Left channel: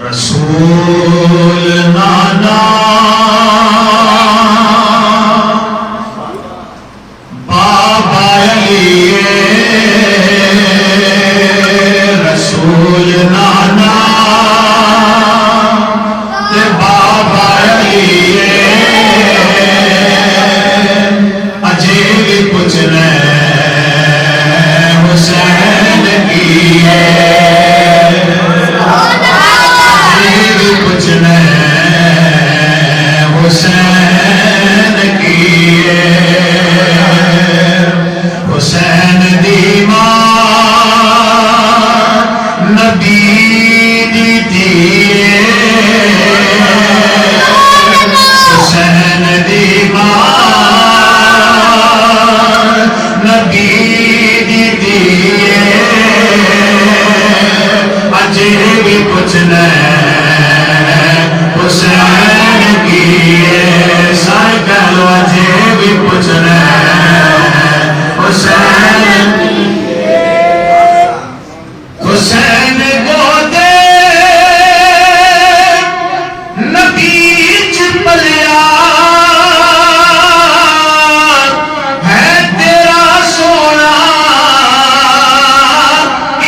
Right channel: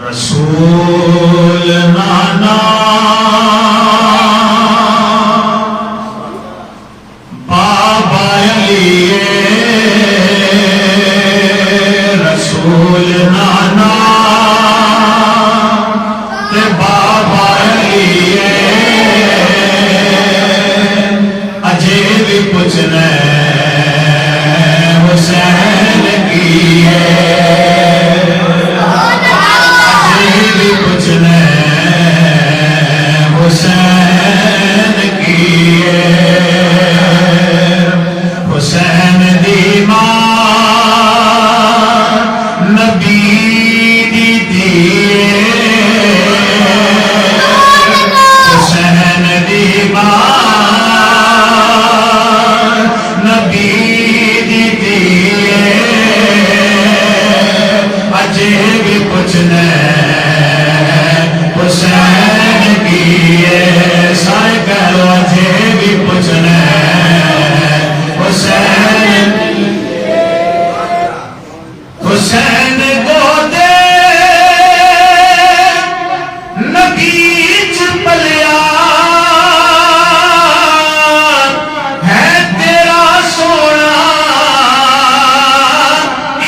रसूल नाना बाबा अली रसूल नाना ते बाबा अली अजे भी पूछना हुसैन की हुसैन की हुसैन दी मां नबी दी धीए हुसैन दी मां नबी दी धीए अजे भी पुछना हुसैन की सारे कहलो अजे भी पुछना हुसैन हुसैन गोदे नबी च पलिया है तेरा सोना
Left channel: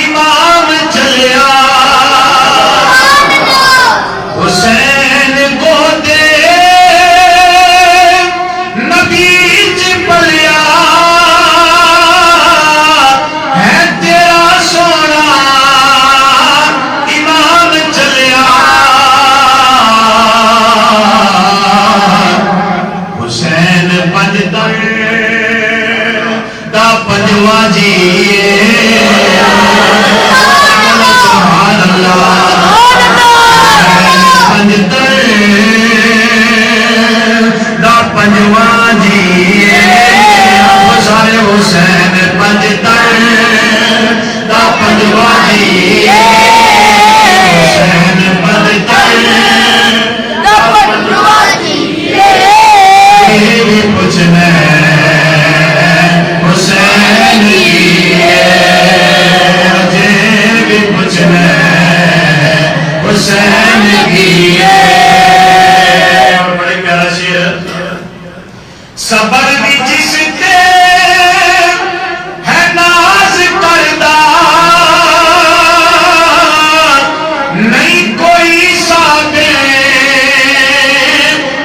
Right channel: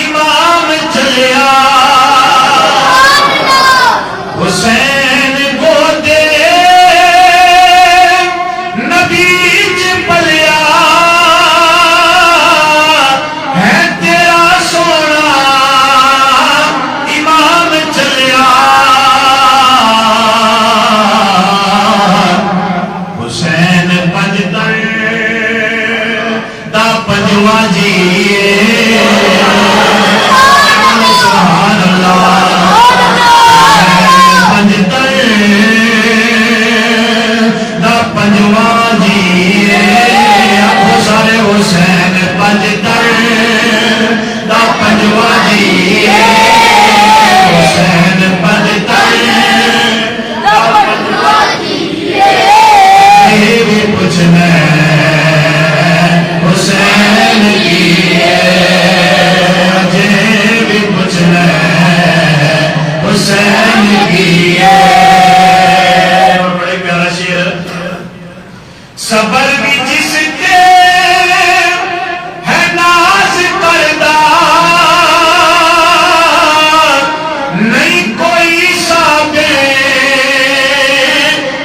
इमाम चलिया हुसैन गोदे नबी च पलिया है तेरा सोना इमाम चलिया हुसैन पंजतर दा पंजवा जी सुभान अल्लाह पंजवा जी सारे हुसैन पंजतर दा पंजवा जी हुसैन पंजतर दा पंजवा जी भी पूछना हुसैन की अजे भी पूछना हुसैन की सबर भी जिसके है नाज करदा नहीं कोई साबे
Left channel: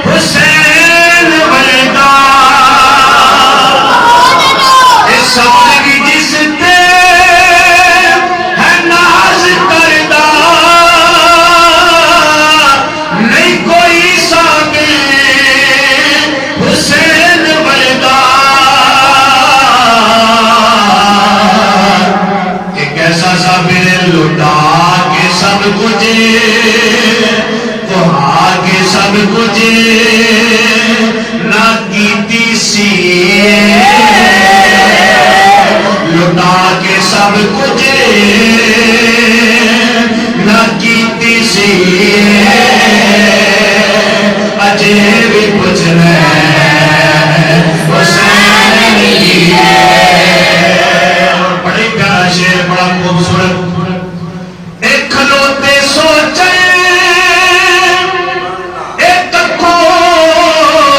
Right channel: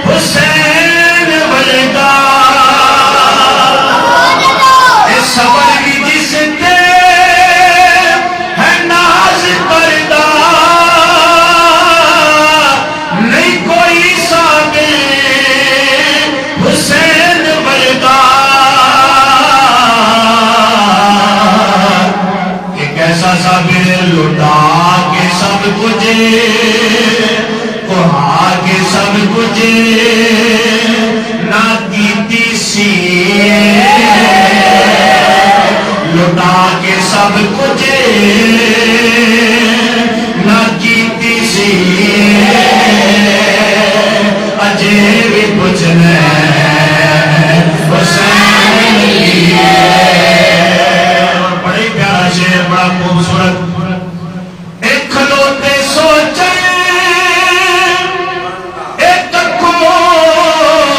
हुसैन वलदा सबर भी जिसके है नाज करदा नहीं कोई साबे हुसैन साबिर लुटा के सब कुछ कुहा के सब कुछ ना कीती सी लुटा के सब कुछ ना कीती सी अजे भी पूछना हुसैन की बड़ी प्यारा शेर बड़ा खूबसूरत एक खलोते सोचे एक को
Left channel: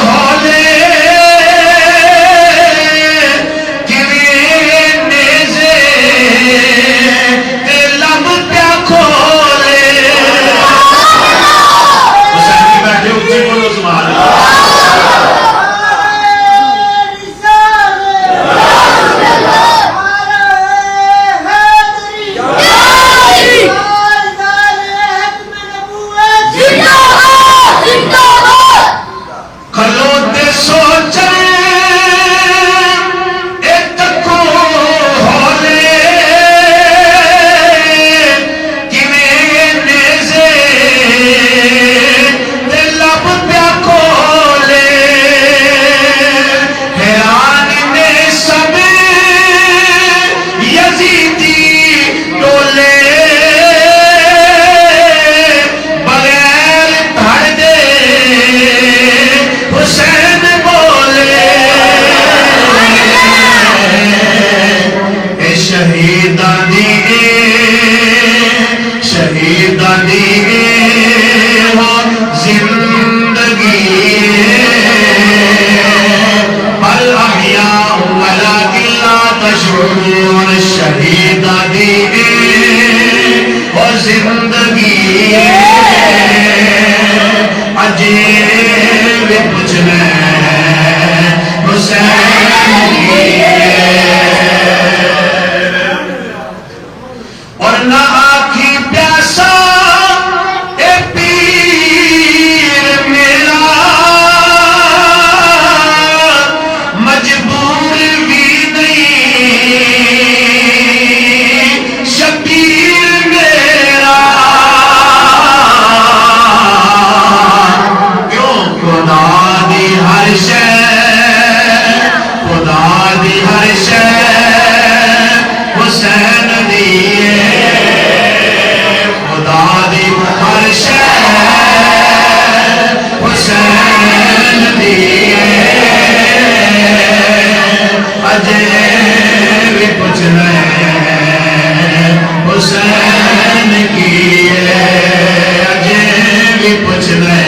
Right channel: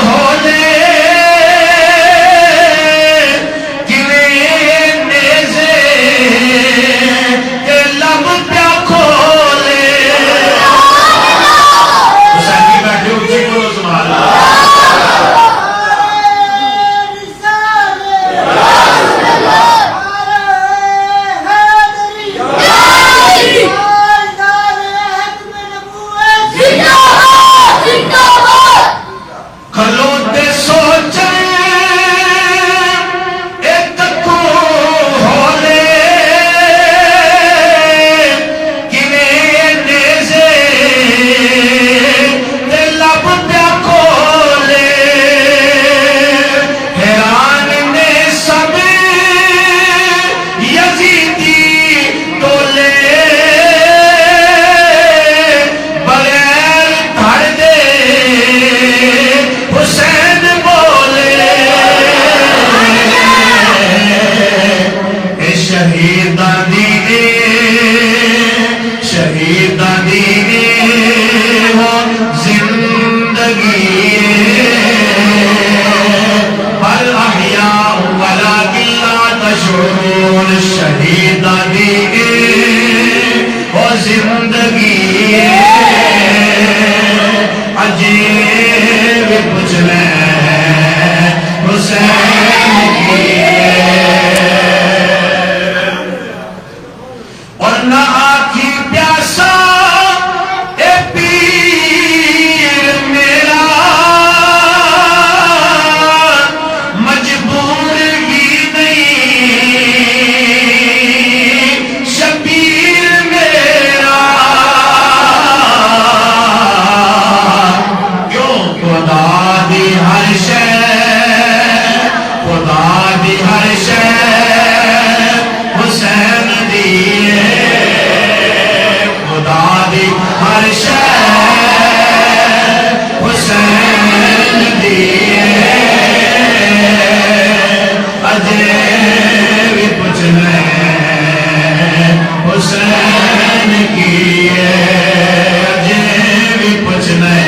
होले किवें नेज़े ते लब प्या खोले जिंदगी अजे भी पुछना हुसैन की और ना आखी प्यासा ए पीर मेरा मजबूर भी नहीं शबीर मेरा क्यों खुदा दी हर शय खुदा दी हर शय हुसैन दी खुदा दी हर शय हुसैन दी अजे भी पुछना हुसैन की अजे भी पुछना